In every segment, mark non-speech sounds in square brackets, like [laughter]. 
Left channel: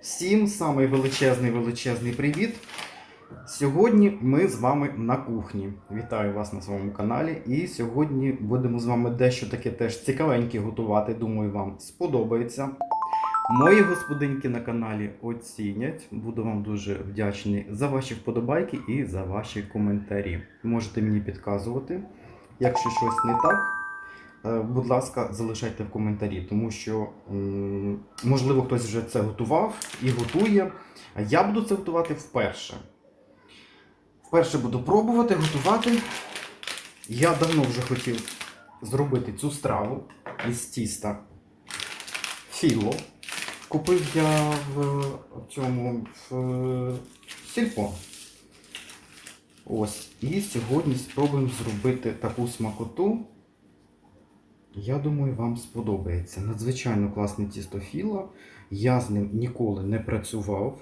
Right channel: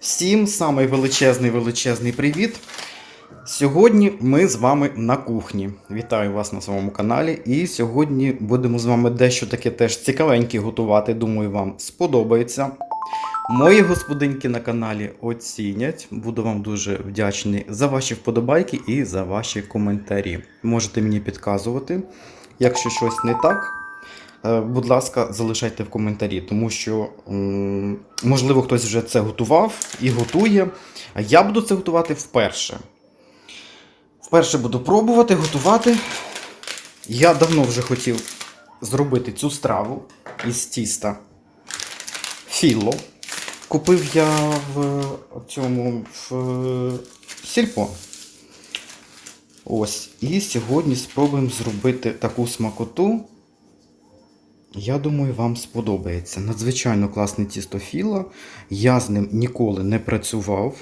Всім самий величезний величезний привіт. Сьогодні ми з вами на кухні. Вітаю вас на своєму каналі. І сьогодні будемо з вами дещо таке теж цікавеньке готувати. Думаю, вам сподобається. Мої господинки на каналі оцінять. Буду вам дуже вдячний за ваші вподобайки і за ваші коментарі. Можете мені підказувати, якщо щось не так. Е, Будь ласка, залишайте в коментарі, тому що можливо хтось вже це готував і готує. Я буду це готувати вперше. Вперше буду пробувати готувати. Я давно вже хотів зробити цю страву із тіста філо. Купив я в цьому в сільпо. Ось. І сьогодні спробуємо зробити таку смакоту. Я думаю, вам сподобається. Надзвичайно класне тісто філо. Я з ним ніколи не працював.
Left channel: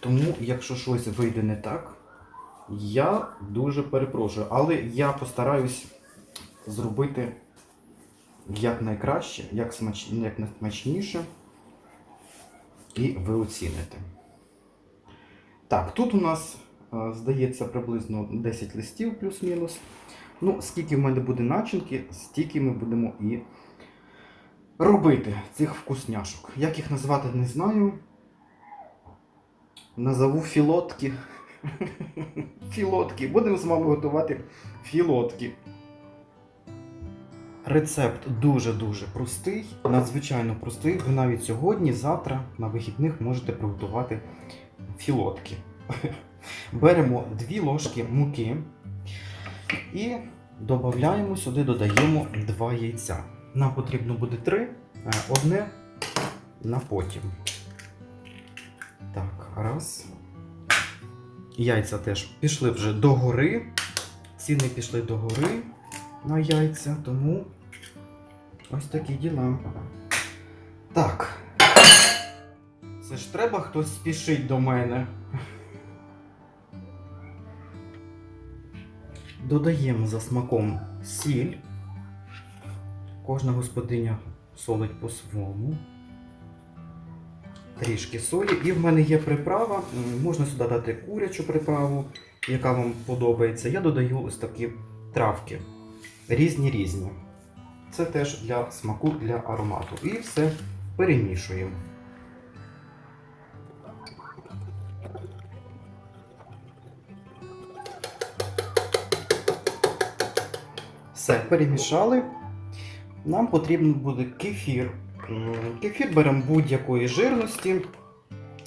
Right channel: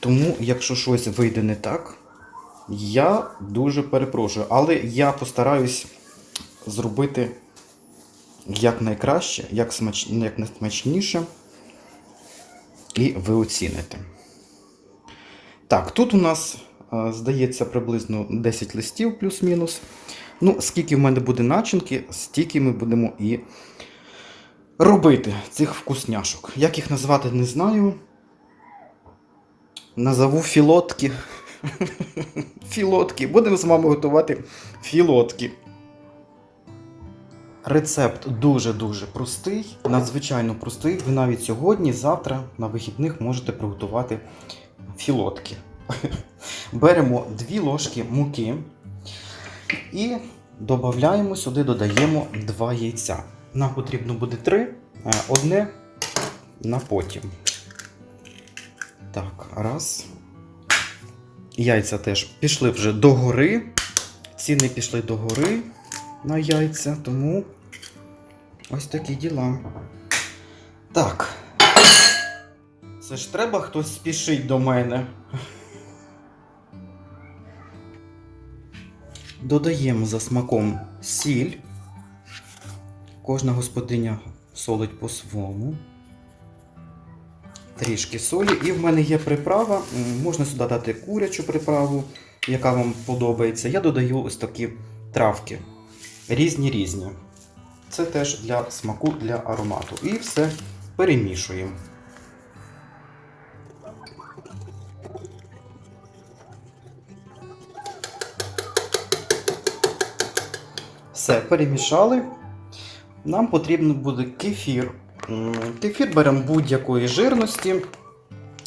Тому, якщо щось вийде не так, я дуже перепрошую. Але я постараюсь зробити як найкраще, як, смач... як найсмачніше. І ви оціните. Так, тут у нас, е, здається, приблизно 10 листів плюс-мінус. Ну, скільки в мене буде начинки, стільки ми будемо і робити цих вкусняшок. Як їх назвати, не знаю. Назову філотки. [laughs] Філотки. Будемо з вами готувати філотки. Рецепт дуже-дуже простий, надзвичайно простий. Ви навіть сьогодні, завтра на вихідних можете приготувати філотки. [laughs] Беремо 2 ложки муки і додаємо сюди, додаємо 2 яйця. Нам потрібно буде 3, одне на потім. Так, раз. Яйця теж пішли вже догори. Ціни пішли догори на яйця, тому ось такі діла. Так. Це ж треба хтось спішить до мене. Додаємо за смаком сіль. Кожна господиня солить по-своєму. Трішки солі. І в мене є приправа. Можна сюди дати курячу приправу, яка вам подобається. Я додаю ось такі травки. Різні різні. Це теж для смаку, для аромату. І все перемішуємо. Все, перемішали. Нам потрібен буде кефір. Кефір беремо будь-якої жирності.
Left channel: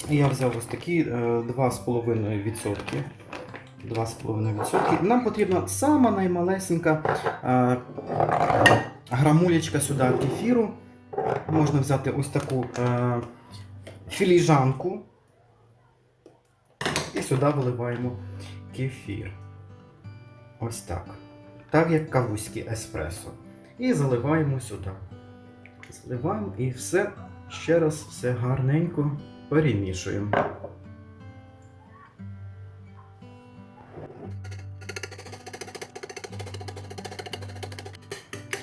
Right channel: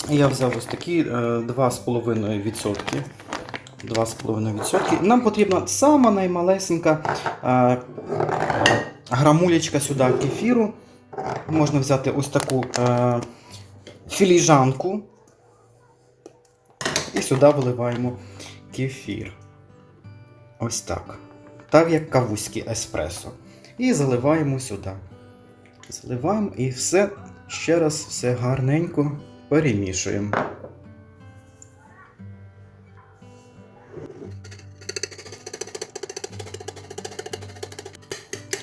Я взяв ось такі е, 2,5%. 2,5%. Нам потрібна сама наймалесенька е, грамулечка сюди кефіру. Можна взяти ось таку е, філіжанку. І сюди виливаємо кефір. Ось так. Так як кавузький еспресо. І заливаємо сюди. Заливаємо і все ще раз все гарненько перемішуємо.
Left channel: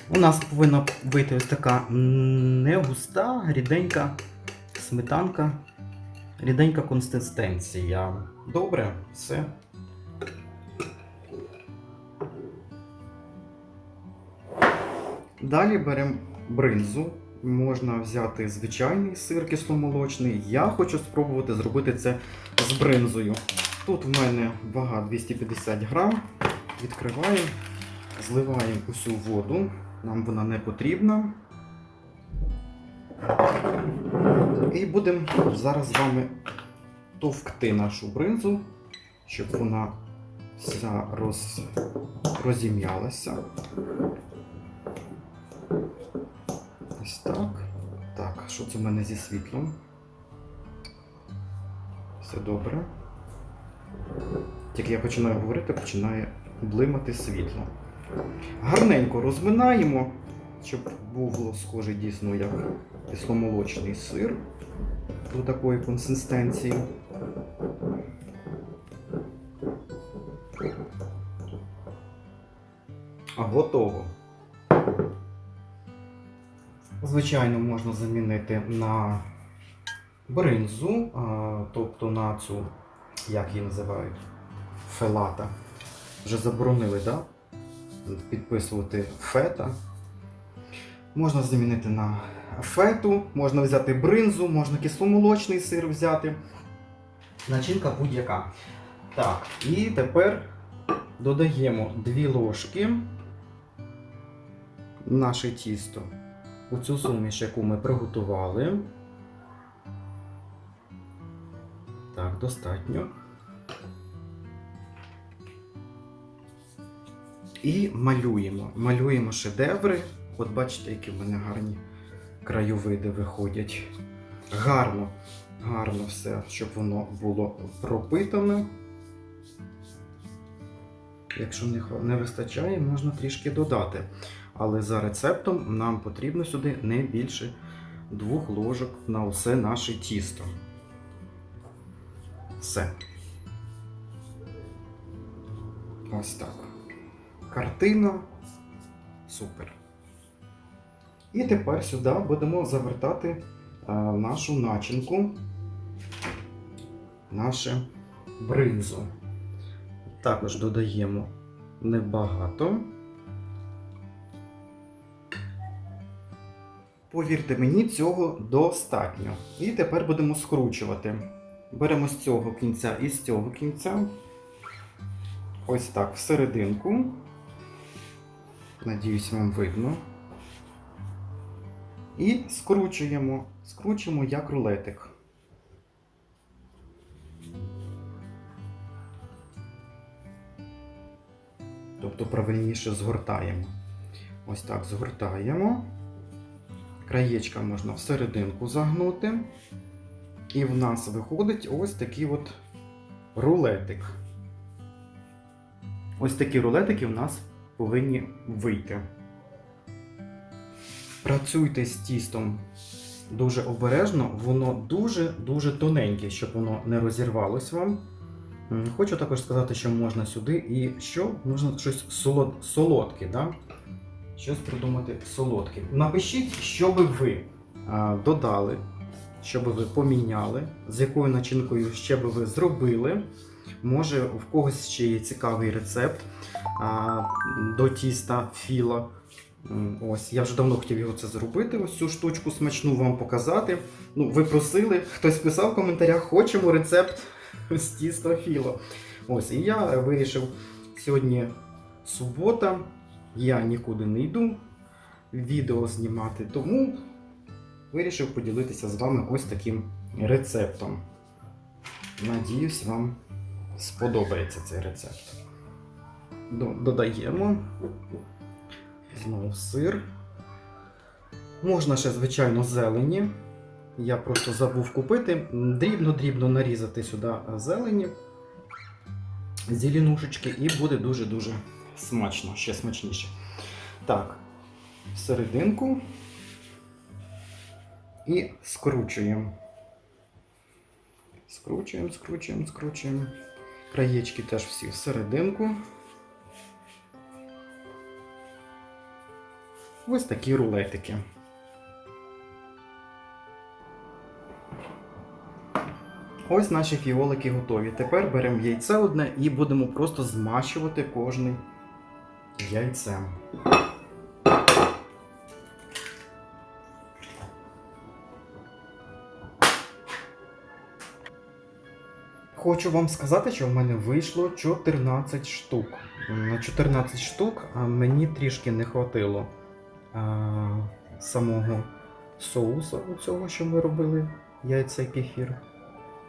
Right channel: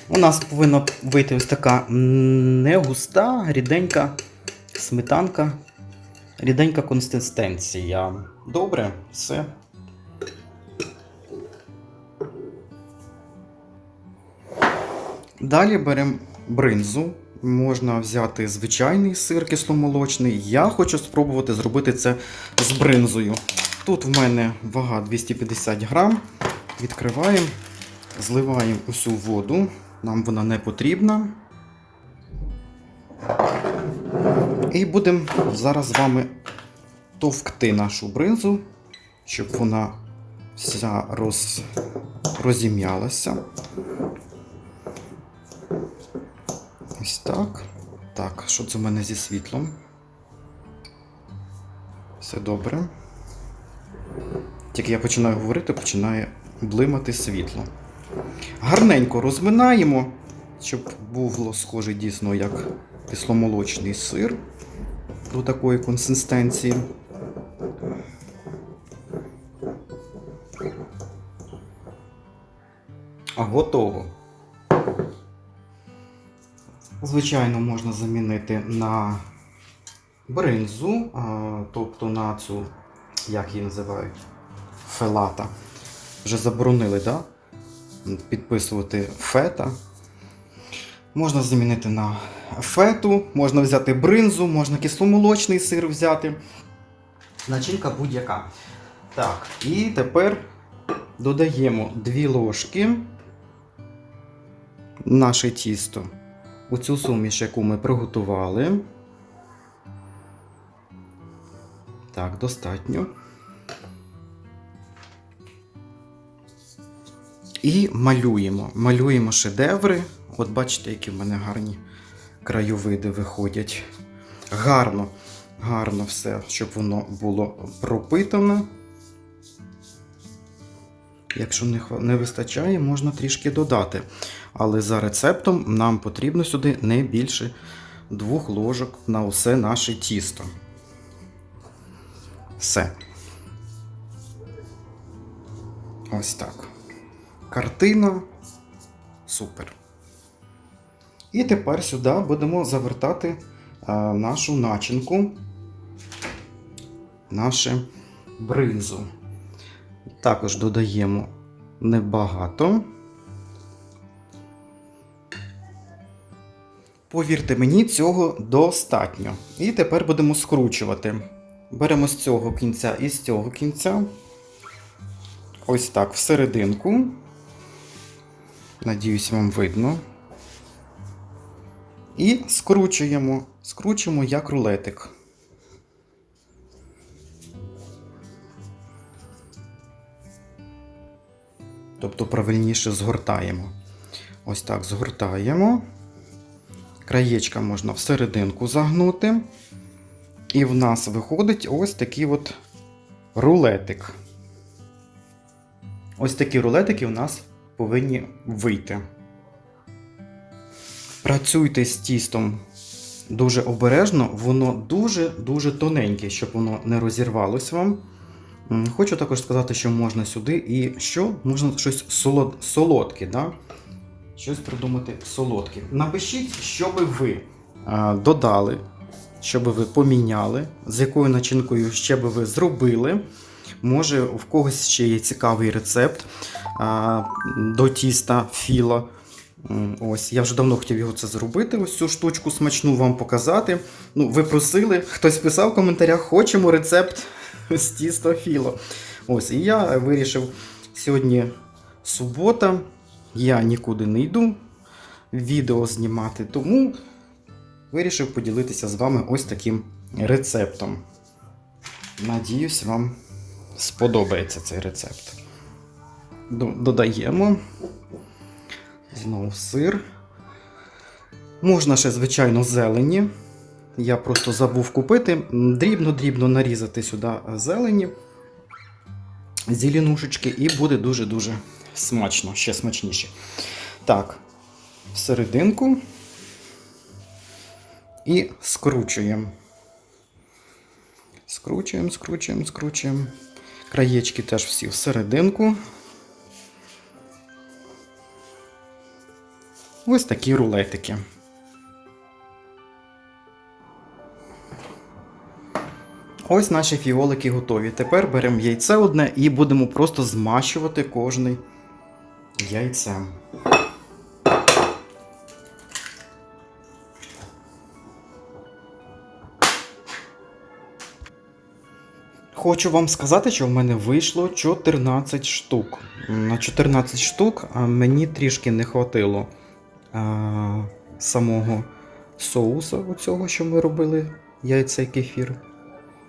У нас повинна вийти ось така не густа, ріденька сметанка, ріденька консистенція. Добре, все. Далі беремо бринзу. Можна взяти звичайний сир кисломолочний. Я хочу спробувати зробити це з бринзою. Тут в мене вага 250 грам. Відкриваємо, зливаємо усю воду. Нам вона не потрібна. І будемо зараз з вами товкти нашу бринзу, щоб вона вся роз... розім'ялася. Ось так. Так, що це в мене зі світлом? Все добре. Тільки я починаю говорити, починає блимати світло. Гарненько розминаємо, щоб було схоже дійсно як кисломолочний сир до такої консистенції. Готово. Звичайно, можна замінити на бринзу, тобто на цю, як її називають, фелата. Вже заборонили, да? підписувати фета. Можна замінити на фету, можна взяти бринзу, можна кисломолочний сир взяти. Начинка будь-яка. Так, і тепер додаємо 2 ложки наше тісто у цю суміш, яку ми приготували. Так, достатньо. І малюємо. Малюємо шедеври. От бачите, які в мене гарні краєвиди виходять. Гарно, гарно все, щоб воно було пропитано. Якщо не вистачає, можна трішки додати. Але за рецептом нам потрібно сюди не більше двох ложок на усе наше тісто. Все. Ось так. Картина. Супер. І тепер сюди будемо завертати а, нашу начинку, наше бринзу. Також додаємо небагато. Повірте мені, цього достатньо. І тепер будемо скручувати. Беремо з цього кінця і з цього кінця. Ось так, всерединку. Надіюсь, вам видно. І скручуємо. Скручуємо як рулетик. Тобто правильніше згортаємо. Ось так згортаємо. Краєчка можна всерединку загнути. І в нас виходить ось такий от рулетик. Ось такі рулетики у нас повинні вийти. Працюйте з тістом дуже обережно, воно дуже-дуже тоненьке, щоб воно не розірвалось вам. Хочу також сказати, що можна сюди і що? Можна щось солод... солодке, да? Щось придумати солодке. Напишіть, що би ви додали, що би ви поміняли, з якою начинкою ще би ви зробили. Може, в когось ще є цікавий рецепт а, до тіста філа. Ось, я вже давно хотів його це зробити, ось цю штучку смачну вам показати. Ну, ви просили, хтось писав в коментарях, хочемо рецепт з тіста філо. Ось, і я вирішив сьогодні субота, я нікуди не йду відео знімати, тому вирішив поділитися з вами ось таким рецептом. Надіюсь, вам сподобається цей рецепт. Додаємо знову сир. Можна ще, звичайно, зелені. Я просто забув купити. Дрібно-дрібно нарізати сюди зелені, зеленушечки, і буде дуже-дуже смачно, ще смачніше. Так, всерединку і скручуємо. Скручуємо, скручуємо, скручуємо. Краєчки теж всі всерединку. Ось такі рулетики. Ось наші фіолики готові. Тепер беремо яйце одне і будемо просто змащувати кожний яйцем. Хочу вам сказати, що в мене вийшло 14 штук. На 14 штук мені трішки не хватило самого соуса, оцього, що ми робили, яйця і кефір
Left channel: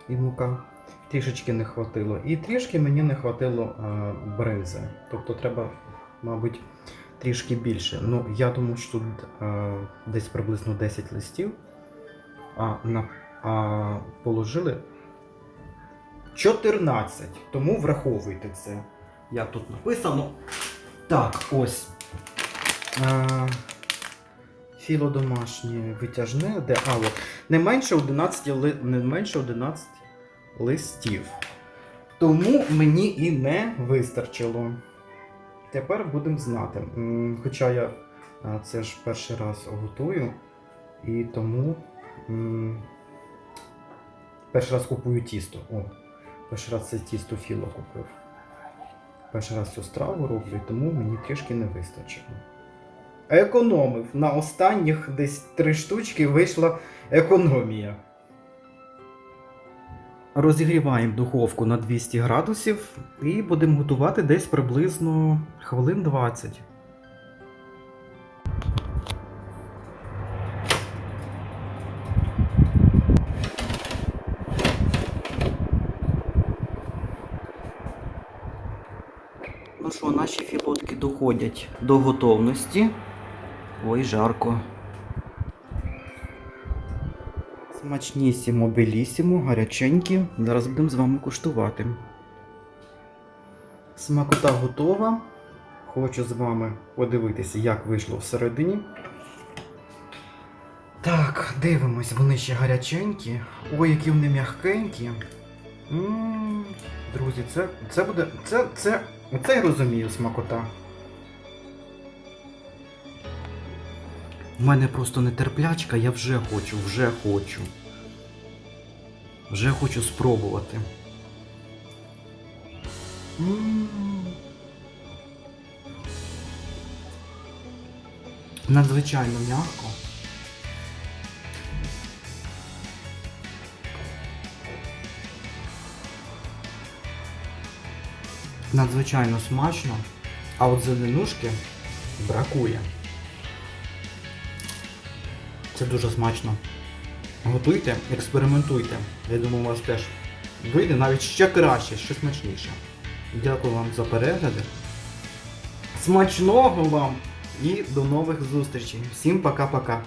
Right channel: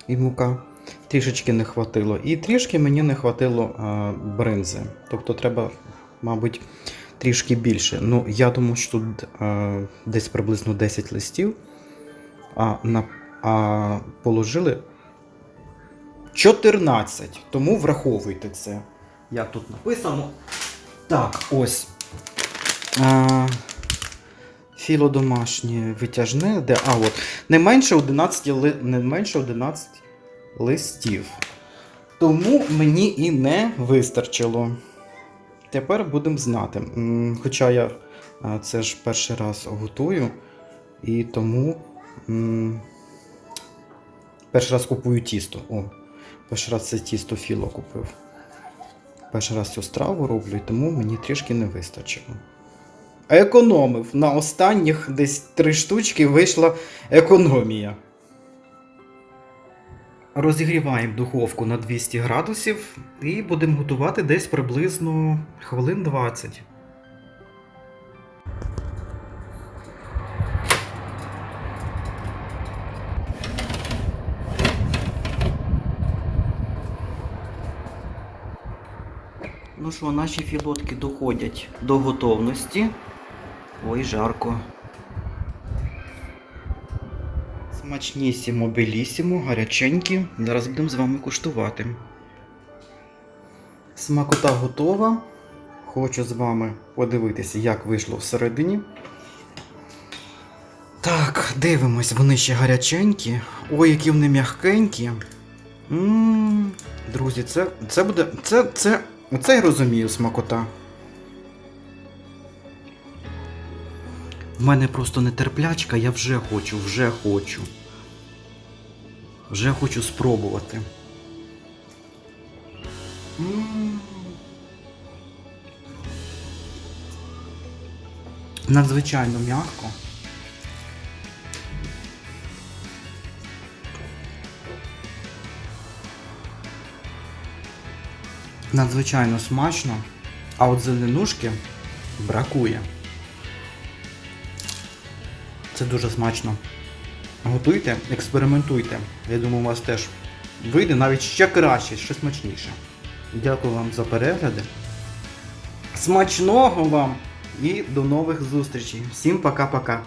і мука. Трішечки не хватило. І трішки мені не хватило бринзи. Тобто треба, мабуть, трішки більше. Ну, я думаю, що тут а, десь приблизно 10 листів, а, на, а положили 14. Тому враховуйте це. Як тут написано. Так, ось. А, філо домашнє витяжне, де. А, от. Не менше 11, ли- не менше 11 листів. Тому мені і не вистачило. Тепер будемо знати. Хоча я це ж перший раз готую. І тому перший раз купую тісто. О, перший раз це тісто філо купив. Перший раз цю страву роблю, і тому мені трішки не вистачило. Економив. На останніх десь три штучки вийшла економія. Розігріваємо духовку на 200 градусів і будемо готувати десь приблизно хвилин 20. Ну що, наші філотки доходять до готовності. Ой, жарко. Смачнісімо, белісімо, гаряченькі. Зараз будемо з вами куштувати. Смакота готова. Хочу з вами подивитися, як вийшло всередині. Так, дивимось, вони ще гаряченькі. Ой, які вони м'ягкенькі. М, Друзі, це, це буде. Це, це, це я розумію смакота. У мене просто нетерплячка, я вже хочу, вже хочу. Вже хочу спробувати. Надзвичайно м'яко. Надзвичайно смачно, а от зеленушки бракує. Це дуже смачно. Готуйте, експериментуйте. Я думаю, у вас теж вийде навіть ще краще, ще смачніше. Дякую вам за перегляди. Смачного вам і до нових зустрічей. Всім пока-пока.